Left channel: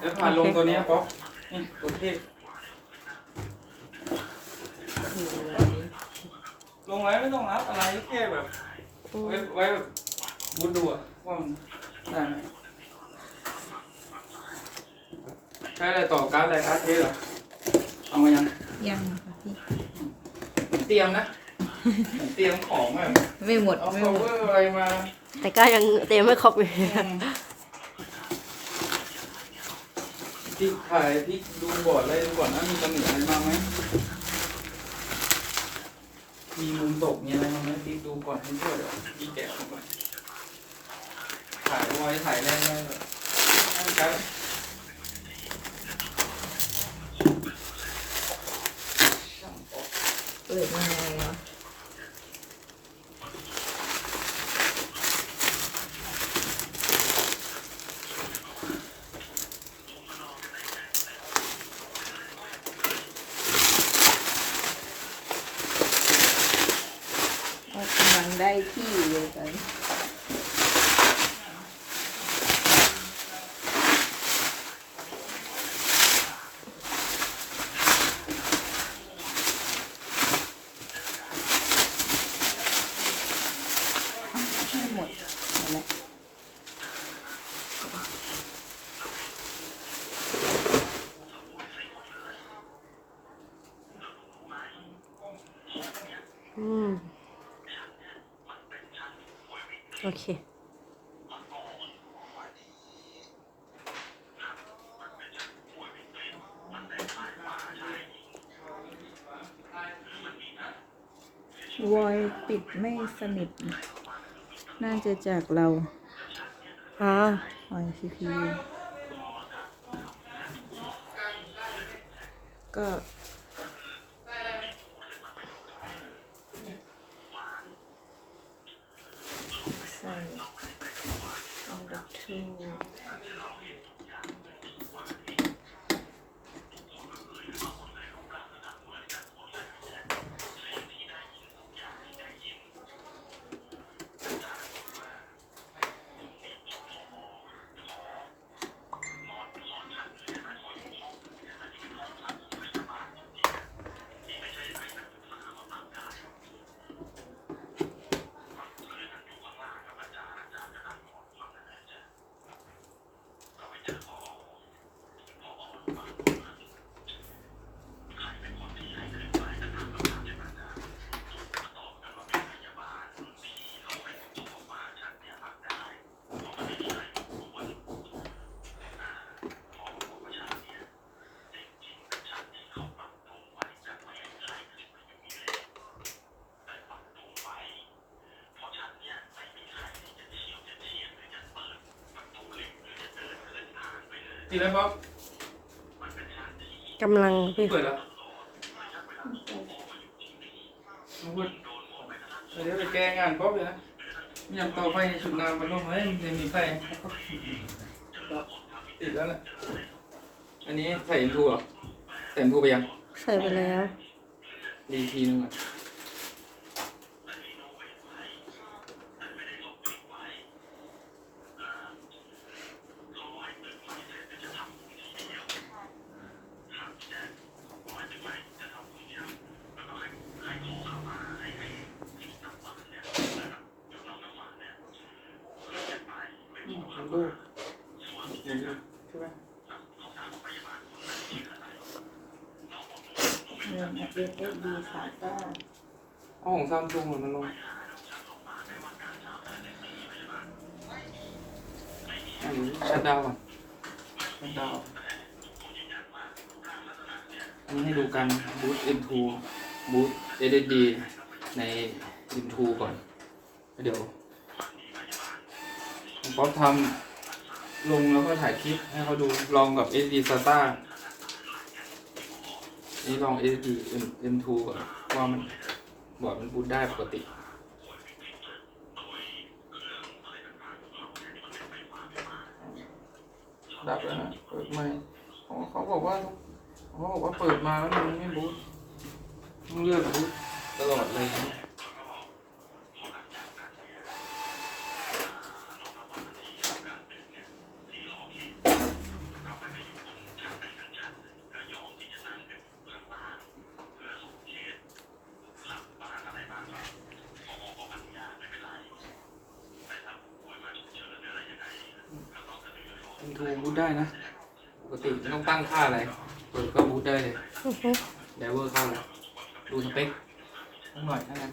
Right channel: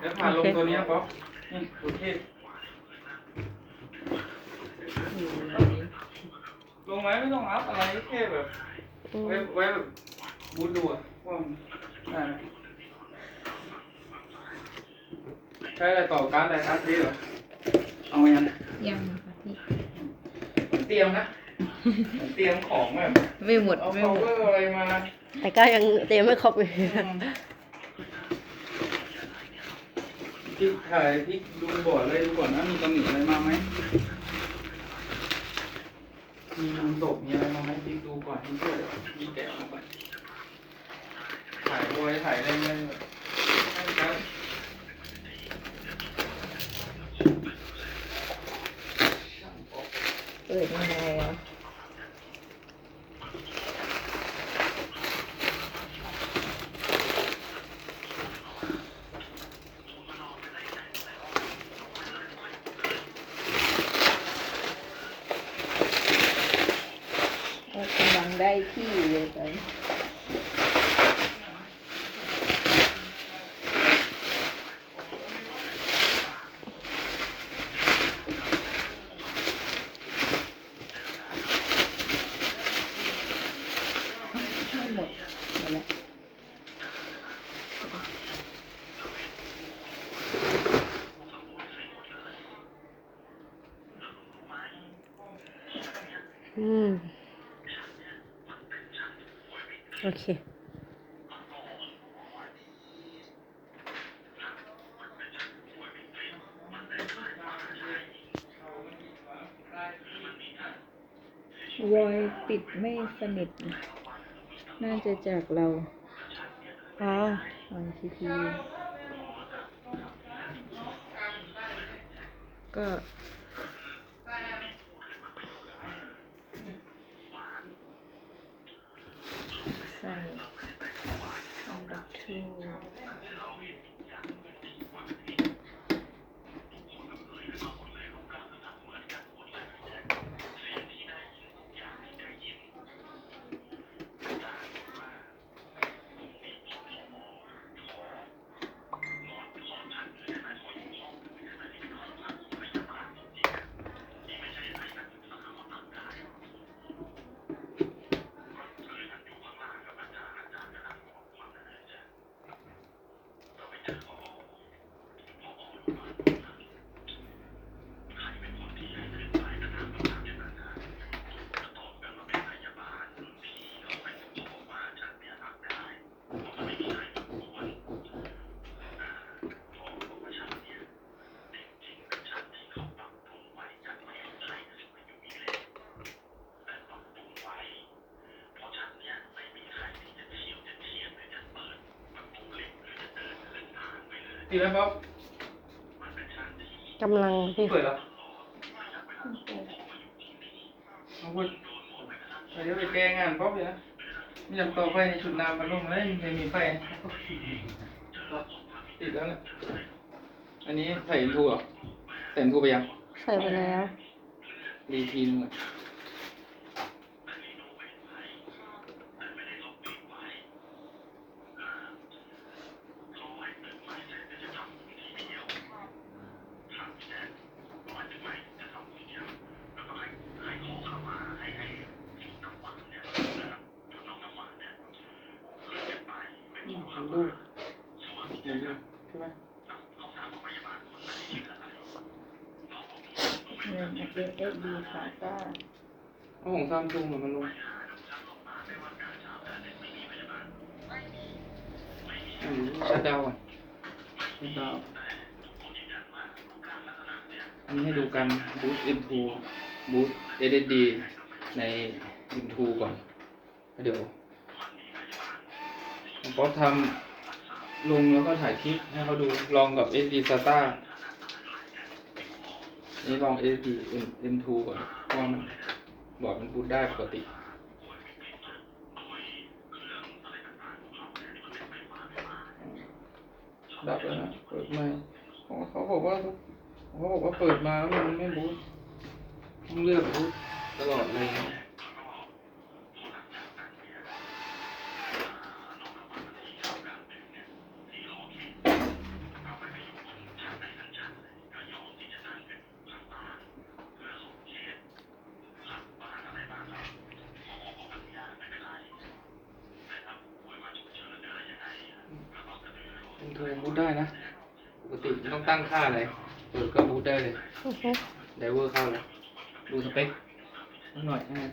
แล้วผ่านลงตัวเนี้ยป๊อกนี่ตัวเทศลงไหมไม่ต้องรับอะไรแค่แบบอืมไว้ไว้แบบบูทดูอะว่ามันได้ไหมใช้อะไรต่อการ์ดอะไรการ์ดเทสเหรอเอายังยังค่ะพี่เตรียมนะ เตรียมของแบบไม่หมดเอาไม่โมหมดเวอร์อะไรมาแต่ก็ยังเตรียมไม่ครบอยู่ที่ถ่ายที่ดูบ่อเลยดูก่อนว่ามีตำหนิอะไรมาไหมมีมุมตกมีอะไรมาไหมพี่ดูก่อนให้ด้วยเดี๋ยวพี่แกะออกก่อนถ่ายไว้ถ่ายได้ไหมครับเปิดมันยังไงกำลังได้ที่เลยตอนนี้หมด แล้วอืม โอเควอยปิดไม่สนิท น่าจะจากเราอ่าวอยซีพีก็ใส่ number two ดี แล้วป๊อกกำลังพี่เปิดแล้วเอาพูดเดี๋ยวไปแก้งานป๊อกเลยนะมียำต่อไฟในชุดน้ำพัดลมเฮ้ยมันจะมีไฟติดแล้วแหละอันนี้ใส่อินทูเหรอใส่อินทูไปยัง ใส่ไปแล้ว ดีทีนึงอะดูดูใช่ไหม เงิน SSD ขาต้าเอาของซัมซุงเหมือนมันลงอันนี้ชัดดาวก่อนชัดดาวอันนี้ให้ดูกันบูท M2 บูท SSD ใน M2 ก่อน เดี๋ยวผมป๊อปทำลงแล้วก็ถ่ายคลิปให้เขาดูลองกับ SD SATA นี่ลอง SD M- M2 ก่อนว่ามันบอร์ดมันบูตได้ปกติ ดับแล้วนะ เปิดใหม่เขาเขาบอกว่าเขาบอกว่าเปิดมาแล้วมันไม่บูตต้องเลือกบูตตลอดเลย มันทูบูทได้นะปกติไม่ต้องตั้งค่าอะไร เปิดก็บูทได้เลยอือฮึไดเวอร์เข้าเลยดูสเปคสักหน่อยถ้างั้น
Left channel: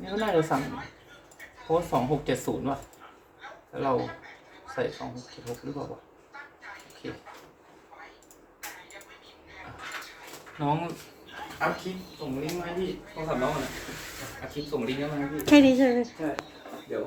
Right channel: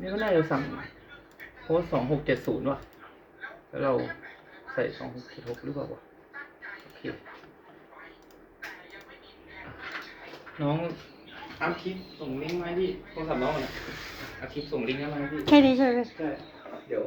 นี่ก็น่าจะสั่งโค้ดสองหกเจ็ดศูนย์ว่ะ แล้วเราใส่สองหกเจ็ดหกหรือเปล่าวะโอเค น้องอัพคลิปส่งลิงก์มาให้พี่โทรศัพท์น้องหน่อยอัพคลิปส่งลิงก์ได้ไหมพี่แค่นี้ใช่ไหมใช่เดี๋ยว